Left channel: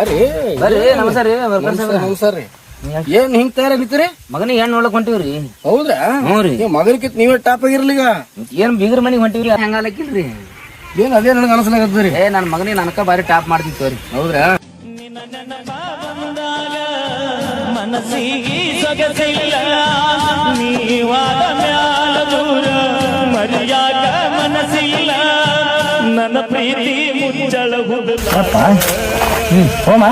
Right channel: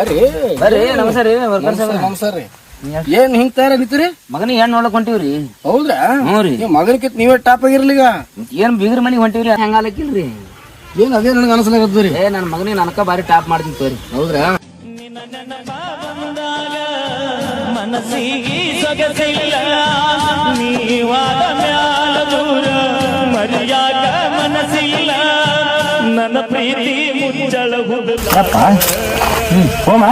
ಅರೆ ಬರ್ರಿ ನಮಸ್ಕಾರ ರೀ ವರ್ಕರ್ ನಮಸ್ಕಾರ ನಮಸ್ಕಾರ ರೀ. ಏನ್ ಹಿಂಗ್ ತಯಾರ ನಿಂತೀರಿ ಮಗನಿಗೆ ಹೆಣ್ಣು ನೋಡಕ್ ಹೊಂಟಿವ್ರಿ. ಹೌದ್ರಾ? ಹ್ಞೂ ರೀ. ಮಗನಕಿತ್ ನೀವೇ ಟಾಪ್ ಆಗಿರ್ಲಿಗ ಏನ್ ಬೀಗ್ರ ಮನಿಗೆ ಹೊಂಟಿವ್ರಿ? ಹೆಂಗಾಲಕ್ಕಿಲ್ರಿ ಏನ್ ಅದೇ ನನಗೆ ಅನಸ್ಲಾಗತ್ತದ್ರಿ ಏ ನನ್ ಮಗನಿಗೆ ನನಕ ಬಾರಿ ಟಾಪ್ ಮಾಡ್ತೀನಿ ತೋರಿ. ಹೌದ್ರಾ? ಮನಸ್ಸಿಗೆ ಸೊಗಸಿಲ್ಲ ನೀವಾದ ಮ್ಯಾಲ ದೂರ ಮರಿಯಾಗ ಮನಸ್ಸಿಲ್ಲ. ನನ್ನ ಪ್ರೀತಿ ಮುಚ್ಚಳಗುದಿಲ್ಲ ಹೋಮ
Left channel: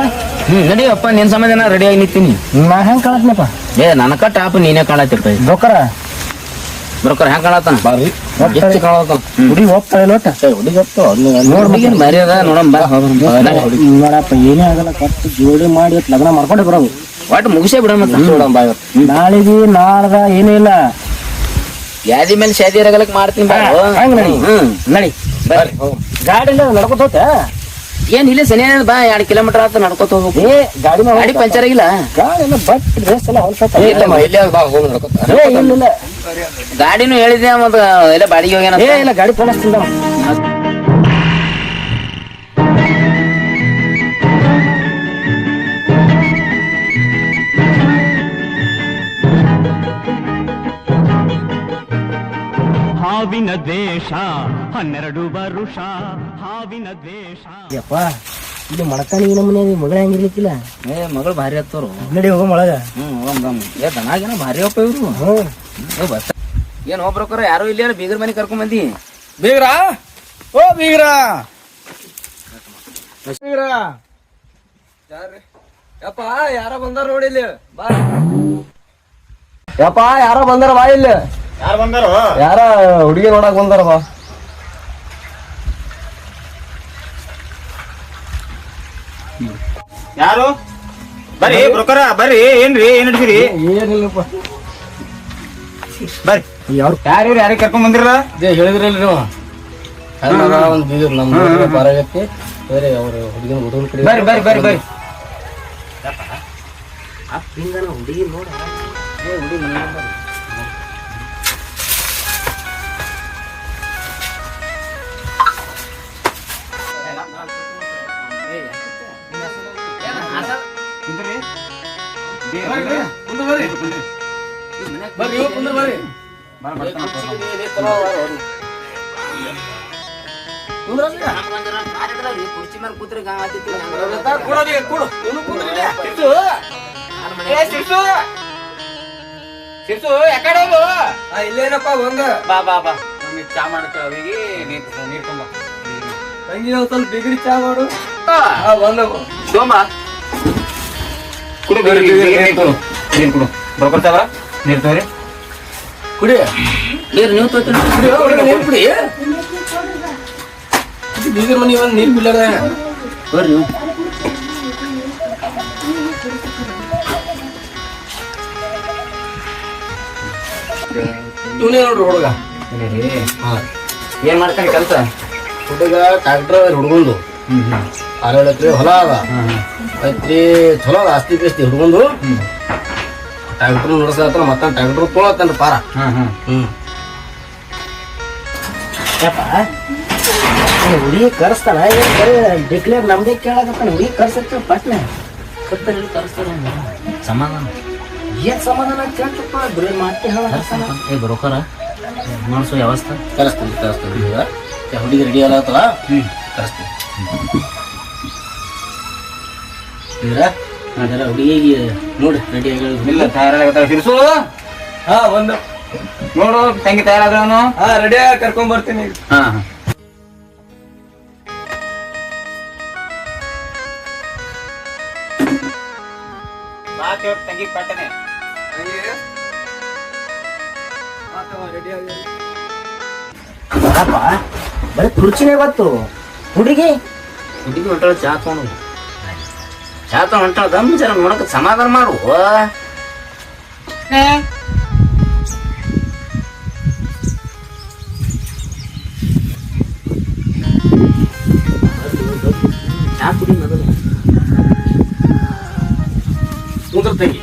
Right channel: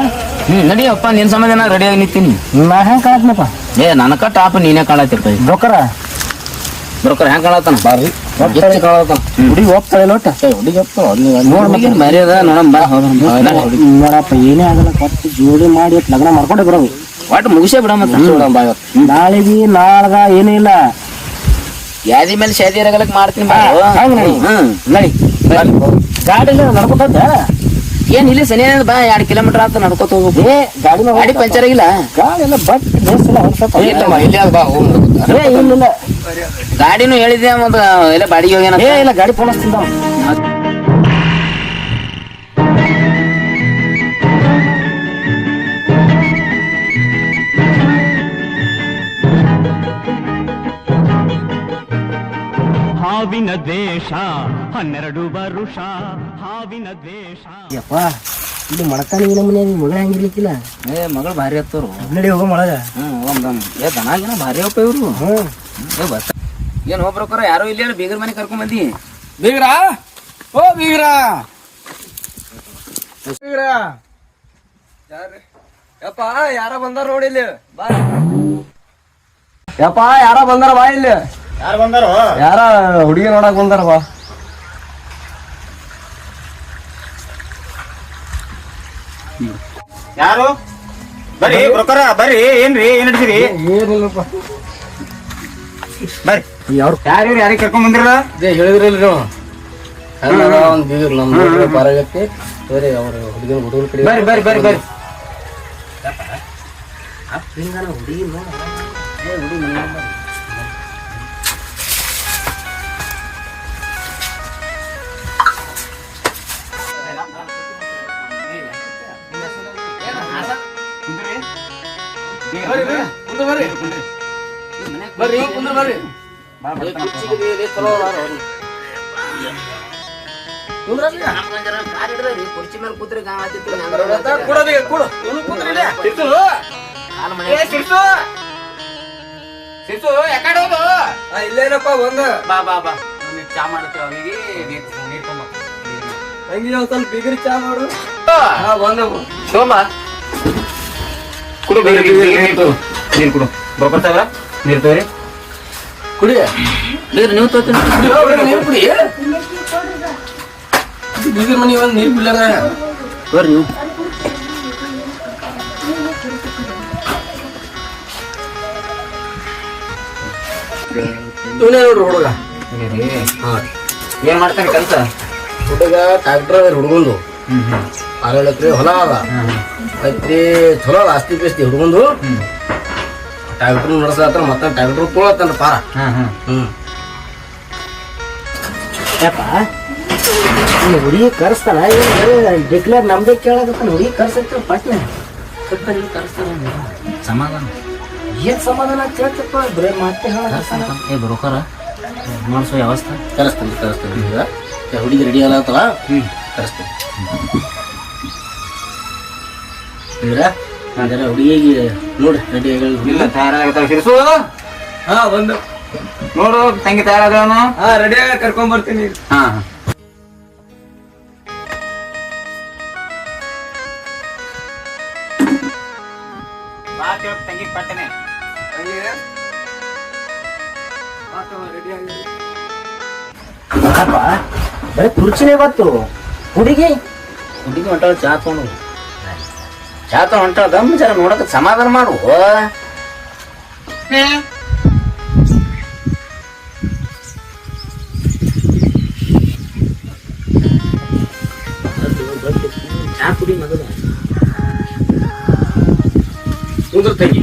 ನಡಿಯಪ್ಪ ನಿನ್ ಸಮಾಧಾನ ರೆಡಿಯಾಗಿ ನಿಂತೀನಿ. ನಾ ಹೆಂಗೆ ಕಾಣತ್ನಪ್ಪ? ಏ ನನಕ ಟಾಪ್ ನೀನೇ ಕಾಣತಿರ್ತದೆ ಬ್ರೋಕರ ಬ್ರೋಕರ್ ಹೆಂಗೆ ಕಾಣತ್ತಾನ? ಬಾರಿ. ಎಷ್ಟು ಕಾಣತ್ತಾನ ಹುಡಿ ಹೋಗ್ತಾ ಇಲ್ಲ ಒಟ್ಟ ಹುಡುಗಿ ನೋಡ್ ಮರಿ ಅದ ನೋಡಮ್ಮ. ಬಾ ನೋಡಪ್ಪ ಏನೇ ಆಗಲ್ಲ ಕೊಟ್ಟು ಜೋಡಿ ಮಾಡಿ ಇವತ್ತು ಲಗ್ನ ಮಾಡ್ಕೊಂಡೆ ಬರೋದು. ಒಟ್ಟು ಮುಗಿಸೇ ಬಿಡ ನಾಳೆ ನಾಳೆಗೆ ನಾಳ್ಗ ಏನಿಲ್ಲ ಯಾದಿ ಮೇಲೆ ಶಾದಿ ಇರಗಲಕ್ಕೆ ಮಾಡ್ತೀನಿ ಬಾ ಹಂಗ್ ನಡಿ. ಹ್ಞೂ ನಡಿ. ಗಾಡಿ ನಡ್ಕೊತ ಏನ್ ಇಲ್ಲಿ ಸನಿ ಬಾ ಎರಡ್ ಕಿಲೋಮೀಟರ್ ಆತ ನಡ್ಕೋತ ಹೋಗ್ಬೇಕು ಏ ಗಾಡಿ ಗಾಡಿ ಪಂಚರ್ ಆಗಿಲ್ಲ? ಗಾಡಿ ಎಲ್ಲ ಬಟ್ ಎಲ್ಲ ಹೊಲ್ಸತ್ತ ಗಾಡಿನೂ ಹೇಳಿದ್ಯಾ ಮತ್ತೆ ಎಲ್ಲ ಬಾಡಿಗೆ ಹೋಗ್ಯಾನ ಏ ಇಲ್ಲ ಗಾಡಿ ಫೋನ್ ಹಾವಿನ ದ್ವೇಷ ಹನ್ನೆರಡು ವರುಷ ಹಾವಿನ ದ್ವೇಷ. ಯಪ್ಪ ಇದು ಮಡಕಾನಿ ಮನೆ ಮಗಳ ಹಂಗಿರ್ಲಿಕ್ಕಿಲ್ಲ? ಏ ಮಗಳು ಭಾರಿ ಹತ್ತವ್ರು ನಡಿ ಹೋಗೋ ಮಳಗ. ಹ್ಮ್ ಹೋಗಮ್. ಏ ದನಾಗಿನ ಭಾರಿ ಅಪ್ಪ ಇವ್ರು. ಹ್ಮ್. ಏ ಬಸ್ ಏನ್ ಕರ ಯಾರು ಇಲ್ಲ ಬೀಗರ ಮನೆ ಕರ್ಕೊಂಡ್ ಬಂದಿ? ಬೀಗ್ರ? ಓ ಬೀಗ್ರ. ಬೀಗ್ರ. ಯಪ್ಪ ಯಾರ ಬಂದಾರ ನೋಡಿ ಇಲ್ಲಿ. ಬಾ. ಯಪ್ಪ ಯಾರ ಬಂದಾರ ಬಾ ಇಲ್ಲಿ. ಯಾರು ಹುಡುಗಿ ನೋಡಕ್ ಬಂದಾರ ಬಾ ಯಾರು? ಬರ್ರಿ ಬ್ರೋಕರ ಬರ್ರಿ ಏನ್ರಿ ಏನ್ ಹಿಡ್ಸಿರಿ ಏನಿಲ್ಲಪ್ಪ. ಬರ್ರಿ. ಯಾರು? ಯಾರು ಯಾರಿಗೆ ಕರ್ಕೊಂಡ್ ಬಂದಿರಲ್ಲ? ಹೇಳಿದ್ರಲ್ರಿ ನೀವು ಹುಡುಗಿ ನೋಡ ನಮ್ ಬರಾಗತ್ತೆ ಬೇರೆ ಅವ್ರ ಹುಡುಗಿನ ಹುಡುಗನ ಕಡೆ ಬರ್ರಿ ಬರ್ರಿ ಬರ್ರಿ ಬರ್ರಿ. ಹುಡುಗಿ ನೋಡ. ಬರ್ರಿ ಕುಂದ್ರ ಬರ್ರಿ. ಕುರ್ಚಿ ಮೇಲೆ ಕೂತ್ರೆ ಇಲ್ಲೇನಪ್ಪ ಬಂದ ಬಾ ಬಾ ಬಾ ಚಾ ಮಾಡ್ತೇವೆ ಅವಿಗೆ ನೀರ್ ನೀರ್ ತುಂಬ ಹಂಗೆ ಒಂದ್ ಸ್ವಲ್ಪ ಬಿಗ್ರಿ ಚಾ ಮಾಡು ಹಾ ಬಂದ. ತಗೊಂಬ ಕುಡು ನೀರು ಕುಡು. ನೀರು ಕುಡು. ಬ್ರೋಕರ್ ಸಾಗರ ನೀರು ತಗೋರಿ. ಕುಡಿ. ನೀರು ನೀವು ತಗೋತೀನಿ ನೀರು ಕುಡಿ. ಬೀಗರ ಮನಿ ಒಂದ್ ನೀರ್ ಬಿಲ್ಲಾರ ಬರ್ರಿ ನೀವು. ಇವನೇ ನೋಡ್ರಿ ಹುಡುಗ. ಏನ್ ಮಾಡ್ತಾನೆ ಕೆಲಸ? ಹುಡುಗ ಟ್ರಾಕ್ಟರ್ ಹುಡುಗಂದು. ಆರೇಳು ಎಕರೆ ಹೊಲ ಅದ. ಐತ್ರಿ ಚಲೋ ಅದ ಆಸ್ತಿ ಪಾಸ್ತಿ ಹುಡುಗಂದು ಟ್ಯಾಕ್ಟ್ರು ನಡೆಸಲತ್ತಾರ ಮತ್ತ ಟ್ಯಾಕ್ಟ್ರು ತೊಗೊಳತ್ತಾನ ಪಾರ. ಹ್ಮ್ ಹುಡುಗಿ ಕರೆಸ್ತಾನ ಡಿಕ್ಲೇರ್ ನಮ್ದೇ ಕೇಳಕತ್ತಾನ ಹುಡುಗಿ ಕರ್ಸತ್ತ ಪಟ್ನೆ. ಸಮಾಧಾನ. ಏನ್ ಸಮಾಧಾನ ಕೇಳ್ತಪ್ಪ ಬರೀ ಮಾತೆ ಹೇಳ ಏ ಬ್ರೋಕರ ಮಾಡಿಸೋ ವ್ಯವಸ್ಥೆ. ಕರೆಸ್ತೀನಿ ಕರೆಸ್ತೀನಿ. ಹುಡುಗಿ ರೆಡಿ ಅಲ್ಲ ಹ್ಞೂ ಕರೆಸ್ತೀನಿ. ಅದೆಲ್ಲ ಹುಡುಗಿಗೆ ನೋಡಿ ರೆಡಿ ಆಗಿ ಇಲ್ಲ ತಯಾರಾಗತ್ತಾವ ಶಿರ್ಸು ಹಾ ಒಂದು ನೋಡು ತಂಗಿ ತಯಾರಾದ್ರನು ಹಾ ರೆಡಿ ಆಗಿ ಕರ್ಕೊಂಡ್ ಬರ್ತೀನಿ ಹಾ ತಂಗಿ ಪಟ್ಟನೆ ಅಪ್ಪ ಬರೀ ತುರ್ಚಿನೇ ಗೊತ್ತು. ಹುಡುಗಿ? ಹುಡುಗಿ ಹೊಂಟಾಳ ಚಾ ತಗೊಂಡು ಚಾ ತಗೊಂಡು ಹೊಂಟಾಳ ದಮ್ ಜರ ನೋಡಕ್ಕೆ ಸಮಾಧಾನ ಮಾಡು. ಚಾ ಕುಡಿ ಮೊದಲು. ಕುಂದ್ರ ತೆಗಿ.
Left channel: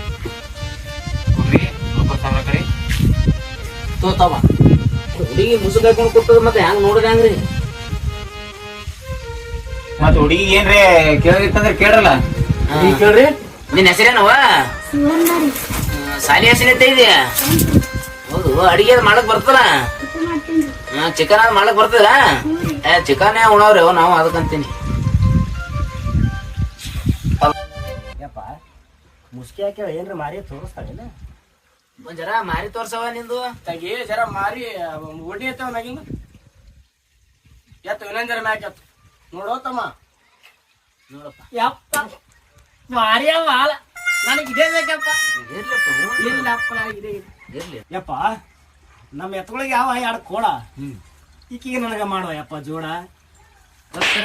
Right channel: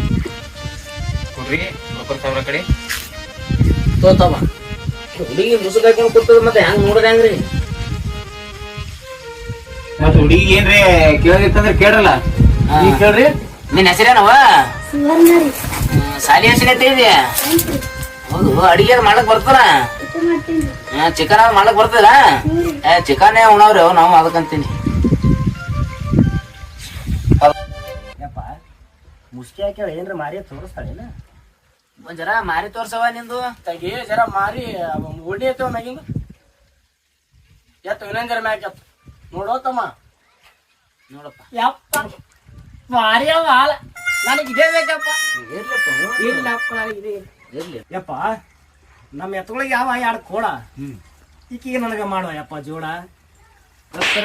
ಹುಡುಗಿ ಮುಸುಕಾಯ್ಕೊಂಡು ಕೊಡ್ತದ ಮತ್ತೆ ಹೆಂಗ್ ನೋಡ್ರಿ ಹೆಂಗ್ರಿ? ಮತ್ ಹುಡುಗಿ ಏನ್ರಿ ಕೇಳಿತ್ತಂದ್ರೆ ಕೇಳಲ್ಲ ನೀ ಕೇಳ್ರಿ. ನಿನ್ ಹೆಸರೇನವ ಸಾಲಿ ಹೆಸರೈತೆ ಇದೆಯಾ? ಹೌದು ಅಡಿಗೆ ಮಾಡಕ್ ಬರ್ತಲ್ಲ ಚಿಕನ್ ಮಾಡಕ್ ಬರ್ತದ? ಏ ಚಿಕನ್ ಉಣವ್ರಿ? ಅವ್ ನಾವು ಅದಕ್ಕಂತೀನಿ ಮುಸ್ಕಿ ಹಾಕ್ಯಾಳ ಏನ್ರ ಮಾರಿ ತೋರಿಸ್ತಾಳಿಲ್ಲ ಜರ ಮಾರಿ ತೋರ್ಸವ ನಿಂದು. ತಗಿ ಜರ ಮಾರಿ ಒಡಿ ಐತವ ನಾಗಿಂದ ಎತ್ತ ಇನ್ನೊಂದ್ ಜರ ಮ್ಯಾಕ್ ಎತ್ತು. ನೋಡೋ ತಮ್ಮ ನೋಡಪ್ಪ. ಯಪ್ಪ. ಮಾರಿಯವ ಹಾಲ ನನಗೆ ಇದೇ ಬೇಕಪ್ಪ. ಇರ್ಲಪ್ಪ ಇಲ್ಲಪ್ಪ ನನಗೆ ಇದೇ ಇರ್ಲಿ. ಯಪ್ಪ ನಮ್ಮ ಎತ್ತುಗಳಿಗೆ ಯಾವ ಎರಡು ಕೋಡ? ಹ್ಞೂ ಈಕಿಗೆ ನನಗೆ ಮಾಡುವ ಯಪ್ಪ ಜೋಡ.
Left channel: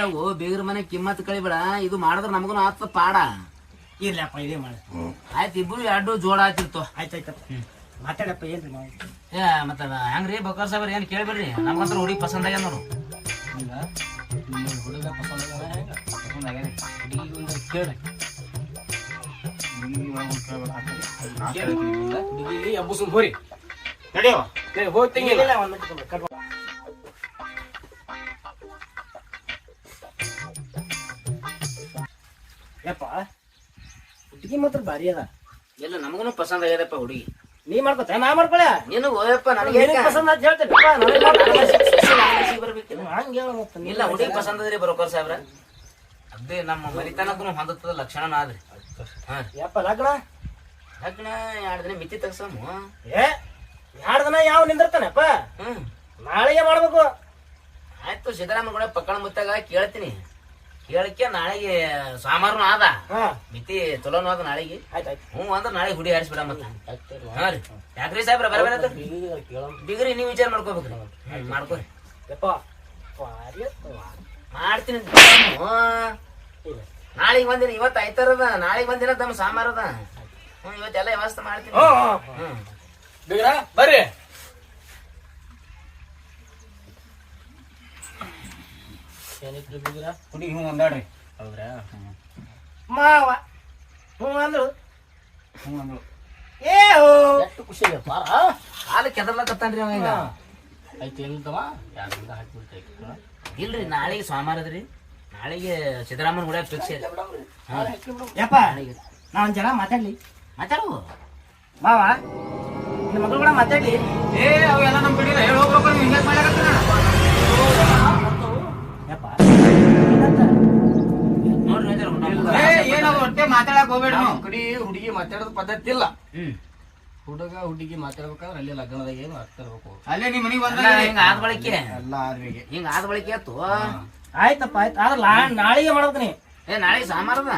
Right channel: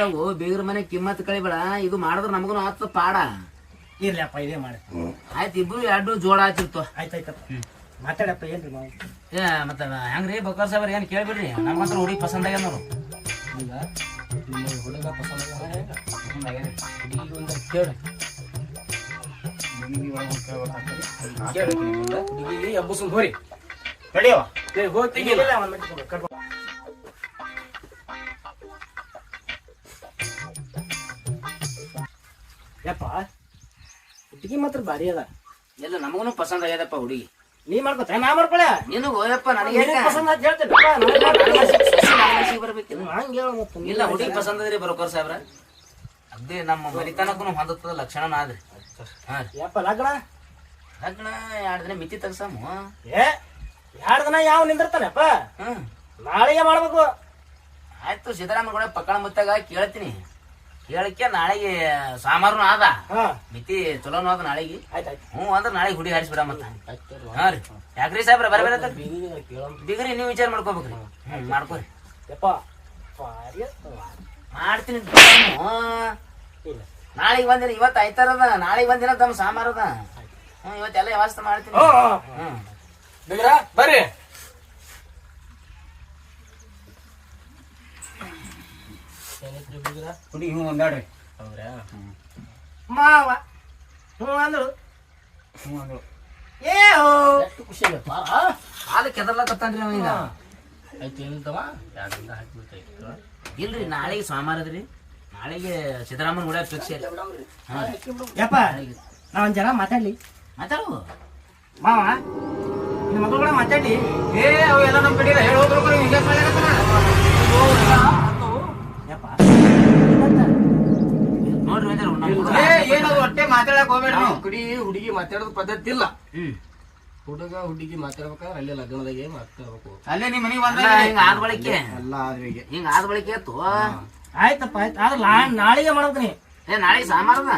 ಅವು ಬೇಗರ ಮನೆ ಕಿಮ್ಮತ್ ಕಳಿಬೇಡ. ಇದು ಮಾಡಿದ್ರೆ ನಮಗೂ ಆತ ಪಾಡ. ಇರ್ಲಪ್ಪ ಇದೇ ಮಾಡಿ. ಆಯ್ತು ಇಬ್ಬರು ಎರಡು ಜೋಡ ಆಯ್ತಿರ್ತು ಆಯ್ತಾಯ್ತಪ್ಪ. ಮಾತಾಡಪ್ಪ ಏನ್ರಿ ಮಾಡಿ ಏ ಮತ್ತ ಹೆಂಗ್ರಿ ಬೊಕ್ಕರ್ ಸಾಬ್ರ ಏನು ಕೇಳ್ಬಿಡ್ರಿ? ನಮ್ಮಂತ್ರ ಹುಡುಗಿ ಪಸಂದ್ ಆಗ್ಯಾನ ನೋಡು. ನಿಮ್ಮ ಹುಡುಗ ಪಸಂದ್ ಹುಡುಗಿಗೆ ಒಂದು ಕೇಳು ಹುಡುಗಿಗೆ ಹೋರಿ. ಯಪ್ಪ ಹುಡುಗಿ ಮಾತ್ರ ಭಾರಿ ಅದ. ಎಲ್ಲ ನಮಗೂ ಪಸಂದ್ ಆಗ್ಯದಪ್ಪ ಹುಡುಗಿ. ನೀ ಮಾಡ್ಕೊತ ನಾ ಮಾಡ್ಕೊಳ? ನೀನು ಹೋಯಪ್ಪ ನನಗೆ ಪಸಂದ್ ಆತ್ ಹೇಳ್ತೇನೆ ಯಪ್ಪ, ನನಗ್ ಮಾಡ್ಕೊಳ. ಬರ್ಬೇಕಿಲ್ಲ ಹಂಗ್ ಹೇಳು ಮತ್ತೆ. ಇಲ್ಲ ಹುಡುಗಿ ಪಸಂದ್ ಅದ್ರಿ ಬರೋಕರ್ ಸಾಹೇಬ್ರ. ಅದೇ ನಮ್ಮ ಮರಿತನಕ್ಕೂ ಹೊಂದುತ್ತದ ಲಕ್ಷಣ ಆದ್ರಿ. ಹಾ. ರೀ ಯಪ್ಪ ಲಗ್ನ? ಲಗ್ನ ಎರಡು ದಿನ ಮಿತಿ ತೆಗ್ಸಾಮು. ಏ ಎರಡು ದಿನ ಯಾವ ನಿಂದಿರ್ತಾನಪ್ಪ? ಹ್ಮ್. ನಾಳೆಗೆ ಮಾಡ್ಬೇಕು. ಆಯ್ತು ಸಿದ್ದರಾಮಯ್ಯ ಪಕ್ಕಣ ಮುತ್ತಾಗ ಕೇಳ್ತೀನಿ. ಕೇಳಕ್ಕೆ ನಾಳೆಗೆ ಸೋಮವಾರನು ಆದ. ಹಾ. ಮಿತಿ ಚಲೋನು ಆದ ನಾಳೆಗೆ. ಆಯ್ತಾಯ್ತು. ಹ್ಞೂ ಅಂದ್ರೆ ನಾಳೆ ಹುಡಿ ಹಾರಿಸ್ಬಿಡ ಮತ್ತ ಹಾ ರೀ. ಯಾಕ್ರಿ ಸಾಹೇಬ್ರ ಬರಬೇಡ ಡಿಗ್ರಿ ನೀವು ವಿಚಾರ ಮಾಡ್ಕೋಬೇಕ್ರಿ. ಹ್ಮ್ ಮಾಡ್ಕೋರಿ. ಯಪ್ಪ. ಮಾಡ್ತೀನಿ. ನಾಳೆಗೆ ಒಂದಿನ ಇವತ್ತು ಆಯ್ತಾರದ ನಾಳೆಗೆ ಒಂದಿನ ತಮ್ಮ ಸಾಮಾರದ ಹ್ಮ್ ಇವತ್ತೆಲ್ಲ ವ್ಯವಸ್ಥೆ ಮಾಡ್ತೀನಿ. ಹ್ಮ್. ಬರ್ರಿ. ಹ್ಞೂ ಹೌದ್ರಾ? ಮಾವ ಹ್ಞೂ ಅಂದ್ರು. ಹ್ಞೂ ಅಂದ್ರು. ಏ ಎಷ್ಟು ಖುಷಿ ಆಗಪ್ಪ ಕಾಲು ಕೆದರ್ಲಕತ್ತಾನ್ರಿ ಅವ ಈಗ. ಇಲ್ರಿ ನಾಳೆಗೆ ಸೋಮವಾರ ಅದ್ರಿ ನಾಳೆಗೆ ಸಿದ್ದರಾಮನ್ ಕೂಡ ಫಿಕ್ಸ್ ಯಪ್ಪ ನಾ ಒಂದ್ ಜನ ಮಾತಾಡ್ಲಿ. ಮಾತಾಡು. ಮಾವ ನಿಮ್ಮ ಮಗಳು ಕೂಡ ಮಾತಾಡ್ಲಿ. ಏ ಅವೆಲ್ಲ ನಮ್ ಬಿಡಿರ ಹೇಳಿ ಹೋಗ್ಬೇಕು ನೀವು ಹಿಂಗೆ ಯಪ್ಪ. ನೋಡ್ರಿ ಏನಾದ್ರು ಹೊಟ್ಟೆ ಮಾತಾಡಕ್ ಹೋಗ್ಬೇಡ ನಾವು. ಕಡಿ ಹುಡುಗಿ ಮಾತಾಡೋದು ಪದ್ಧತಿ ಇಲ್ಲ. ಹ್ಮ್. ಹುಡುಗ ಹುಡುಗಿ ಮಾತಾಡ್ಬೇಕಂದ್ರೆ ಅಲ್ಲೇ ಲಗ್ನದಾಗೆ ಮಾತಾಡ್ಬೇಕು ಅಲ್ಲೇ ನಿಮ್ಮ ಮನೆಗೆ ಬಂದ ಅಲ್ಲ, ಹಿಂಗ ಆದ ಬಳಿಕೆ? ಎಲ್ಲ ಆದ್ವಿಗೆ ಹಿಂಗ ಆದ ಬಳಿಕೆ ಆಯ್ತು? ಆಯ್ತಪ್ಪ ಆಯ್ತು. ಆದ್ರೆ ನಾಳೆಗೆ ಮಾಡ್ತೀನಿ ಏ ನಾಳೆ ಸಾಮಾರದ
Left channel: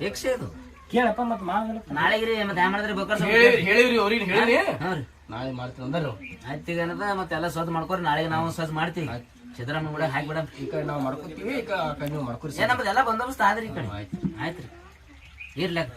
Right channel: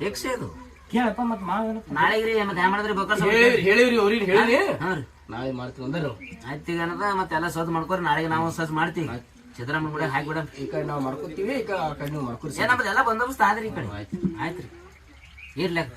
ಫಿಕ್ಸ್ ಇದು ಕೇಳಪ್ಪ ಮತ್ತೆ ಮಾಡ ನಾಳೆಗೆ ರೀ ಮತ್ತೆ ಹ್ಯಾಂಗ ಮಾಡಿದ್ರಿ? ಬೇಕಾದ್ರೆ ಹೇಳಿವ್ರಿ ಅವ್ರಿಗೆ ಹೇಳಿರಿ ಹಾ ರೀ. ನಾಳೆ ಮಾಡ್ತೀನಿ ಅಂದ್ರೆ ಆಯ್ತು ಈಗ ಏನದ? ಮತ್ತೆ ಎಲ್ಲ ಸದ್ ಮಾಡ್ಕೊರಿ ನಾಳೆಗೆ ನಾವು ಸದ್ ಮಾಡ್ತೀವಿ. ಸಿದ್ದರಾಮಯ್ಯ ಕೂಡ ಹಾಕಿ ಬಿಡ ಈ ಕಡೆ ನಾವು ಮಾಡ್ಕೊತೀವಿ ಈಗ ಕಡೆ ನೀವು ಮಾಡ್ಕೊರಿ. ಏ ನಮ್ಮದೆಲ್ಲ ಬಂದೋಬಸ್ತ್ ಆದ್ರಿ ಈ ಕಡೆ. ಆಯ್ತು. ರೀ. ಇರ್ಲಕ್ಕ